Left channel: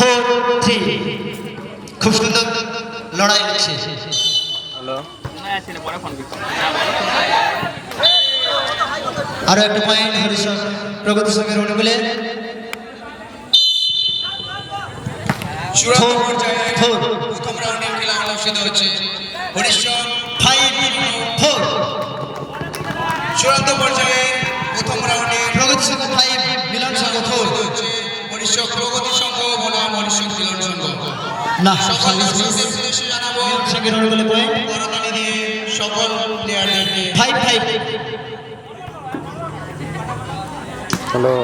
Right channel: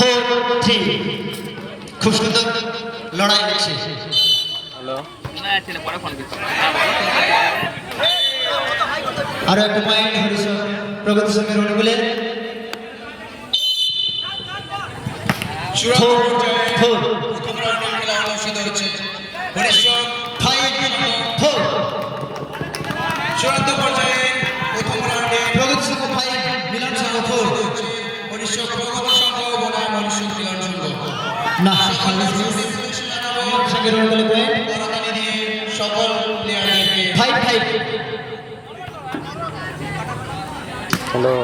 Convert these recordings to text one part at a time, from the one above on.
4-3 খুব সুন্দর লড়াই হচ্ছে। হ্যালো, আরো একটা পয়েন্ট হরিশন প্রগতি সঙ্গের অনুকূলে। চূড়ান্ত পর্যায়ে প্রথম রাউন্ডে প্রগতি সঙ্গ 5 মিলন সঙ্গ 4 মনীষক প্রগতি সংঘ বনাম মনীষক মিলন সংঘ। না সার্ভিস সঙ্গের অনুকূলে পয়েন্ট সকল প্লেয়ারদেরকে 5-5। হ্যালো,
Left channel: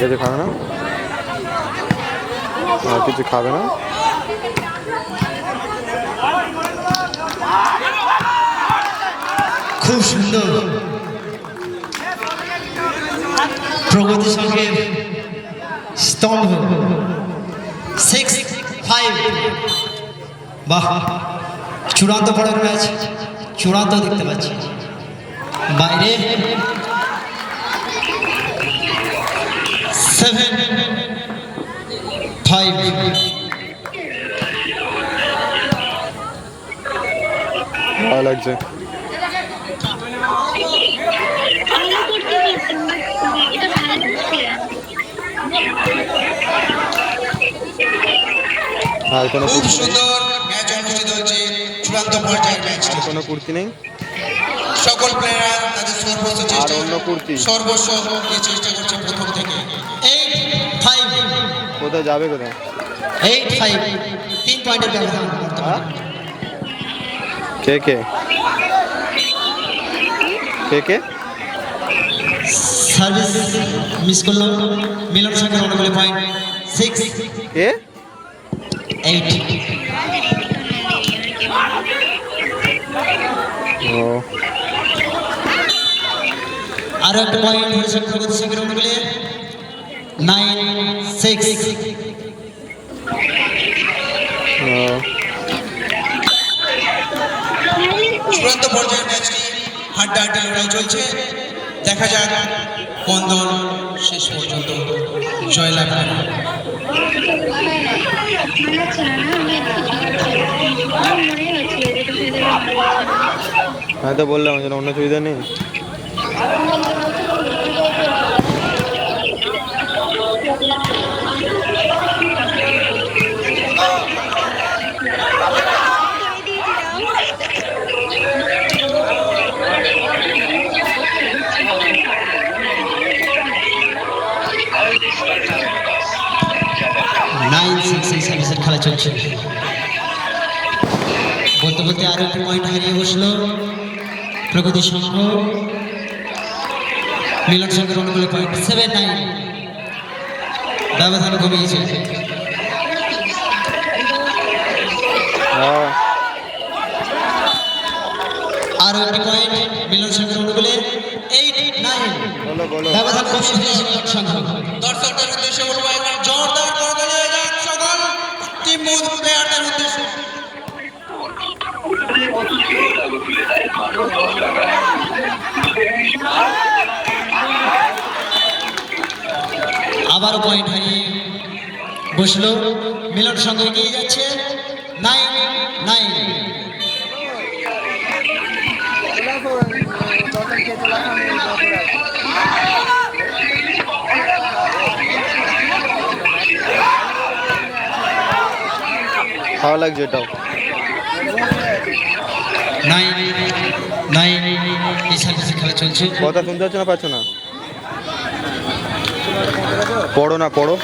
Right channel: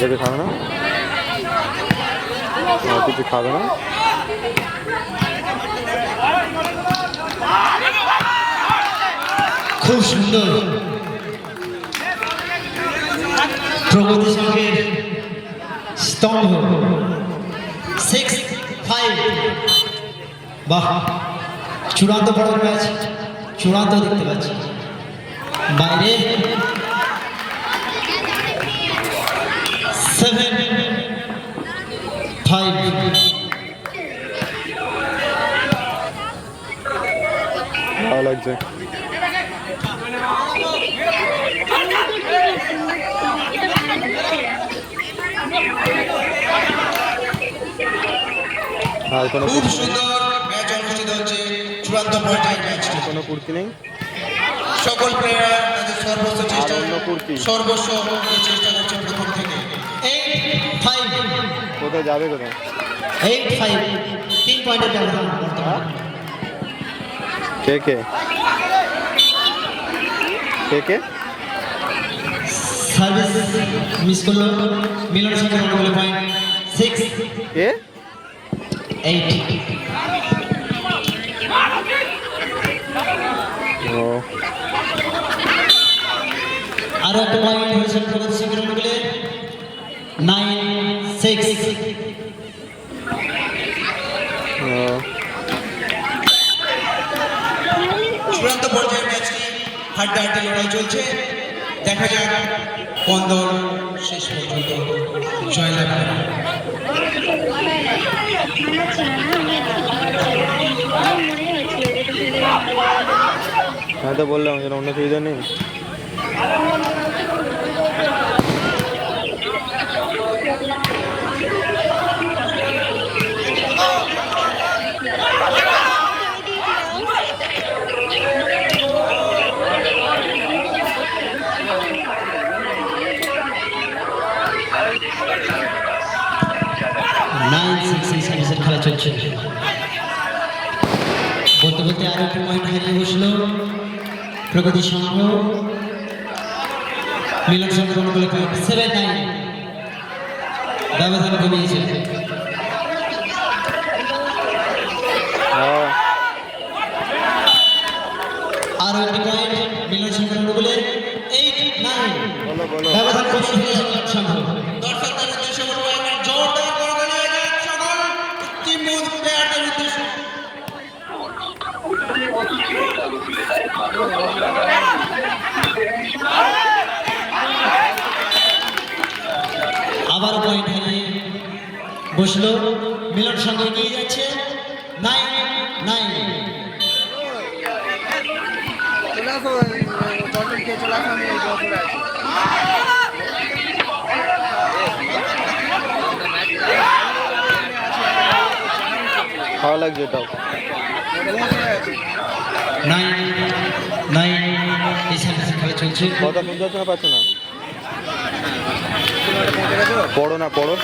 কিছু খাবে না? কিছু খাবে না? খুব সুন্দর প্রগতি সঙ্গের স্তম্ভ 6-5। বাহ, চূড়ান্ত বড় ম্যাচ, চূড়ান্ত দেখতে পাচ্ছি বাইরে 7-5। ভালো লাগছে। আর কোনো খুব সুন্দর ম্যাচ অনুষ্ঠিত হচ্ছে। চূড়ান্ত পর্যায়ের ম্যাচটি কোনো কুর্তি নেই? সকল প্লেয়ার তাদের সর্বোচ্চ চেষ্টা আর অন্য কুর্তি? সর্বস্ব দিয়ে চেষ্টা করছে প্রথম থেকে। 8-5। কোথায় যাবে কোথায়? 8-5 3 পয়েন্টের ব্যবধান হ্যাঁ? বর্তমানে। কে কে কে কে? সার্ভিস মিস করলো মিলন সঙ্গের অনুকূলে পয়েন্ট 6-8। কে? ও, আরো একটা পয়েন্ট হয়েছে প্রগতি সঙ্গের অনুকূলে 9-6। ও, চূড়ান্ত পর্যায়ের ম্যাচটি হাড্ডাহাড্ডি লড়াই চলছে। দেখা যাক কোন দল শেষ পর্যন্ত জয়লাভ করে। হ্যাঁ তো বললাম যেন অন্য সুবিধা নেই। সার্ভিসের খেলা চলছে। বলতে বলতে আরো একটা পয়েন্ট হারিয়ে বসলো প্রগতি সংঘ। মিলন সংঘের অনুকূলে পয়েন্ট 7-9, ব্যবধান কমিয়েছে। হ্যাঁ, আরো একটি পয়েন্ট মিলন সংঘের অনুকূলে 8-9, বলো বলো। ব্যবধান কমিয়ে দিয়েছে মিলন সংঘ। দর্শকদের উদ্দেশ্যে বলবো একবার জোরদার করতালি হয়ে যাক সকল টিম প্লেয়ারদের উদ্দেশ্যে। আবারও পয়েন্ট হারিয়ে বসলো মিলন সংঘ এগিয়ে যাচ্ছে 9-9। ভালো লাগছে এটাও। 9-9 এই সার্ভিসের খেলা চলছে। কথা শুনতে পাচ্ছ না? পাচ্ছ না? পড়ো না, পড়ো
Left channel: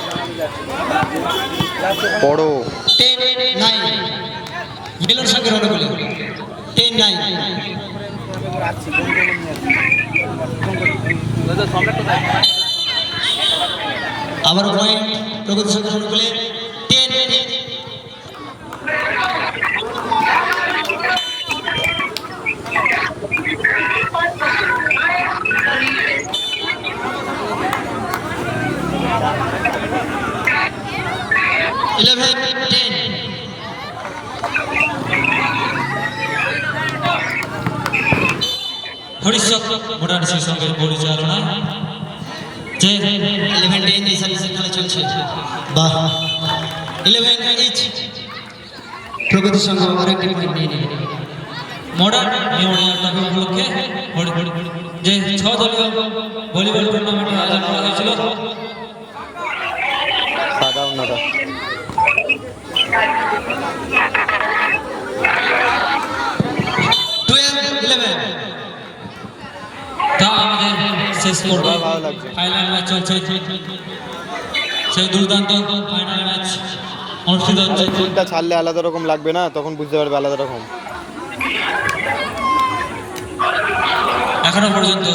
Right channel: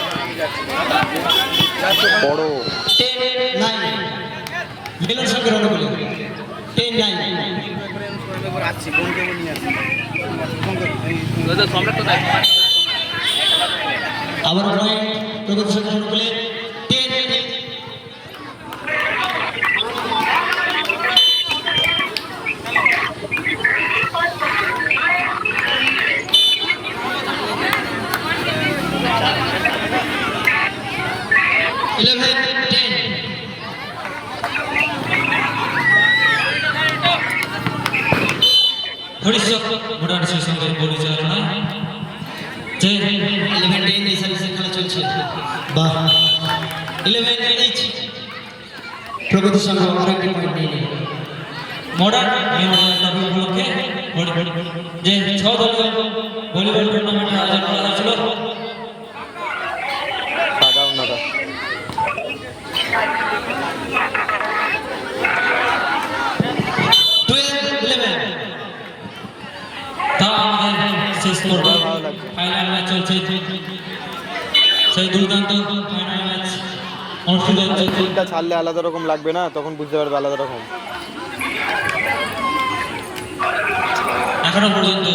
পড়ো। 10-9 মিলন সংঘের অনুকূলে 10-9। আবার পয়েন্ট প্রগতি সংঘের অনুকূলে 10-10। হরিশক মোটামুটি সেই সঙ্গে পরিচালনায় যে 11-10 এই সার্ভিসের খেলা চলছে। চলছে। বাহ, 11 ইচ প্রগতি সংঘ আরেকটি পয়েন্ট নিয়ে নিল। মডার্ন উপলক্ষে যে 6 দলীয় ভলিবল টুর্নামেন্টের আয়োজন করা হয়েছিল, সাদা উন্নতা 12-11 তা আমাদের শেষ করব। ভালো লাগছে। ফাইনাল ম্যাচ চলছে, সেই দুর্দান্ত ফাইনাল ম্যাচ অনুষ্ঠিত হচ্ছে। ফুলটা ছাড়লে আলাদা রকম লাগবে না, তখন বুঝতে পারবে আলাদা রকম। এখনো পর্যন্ত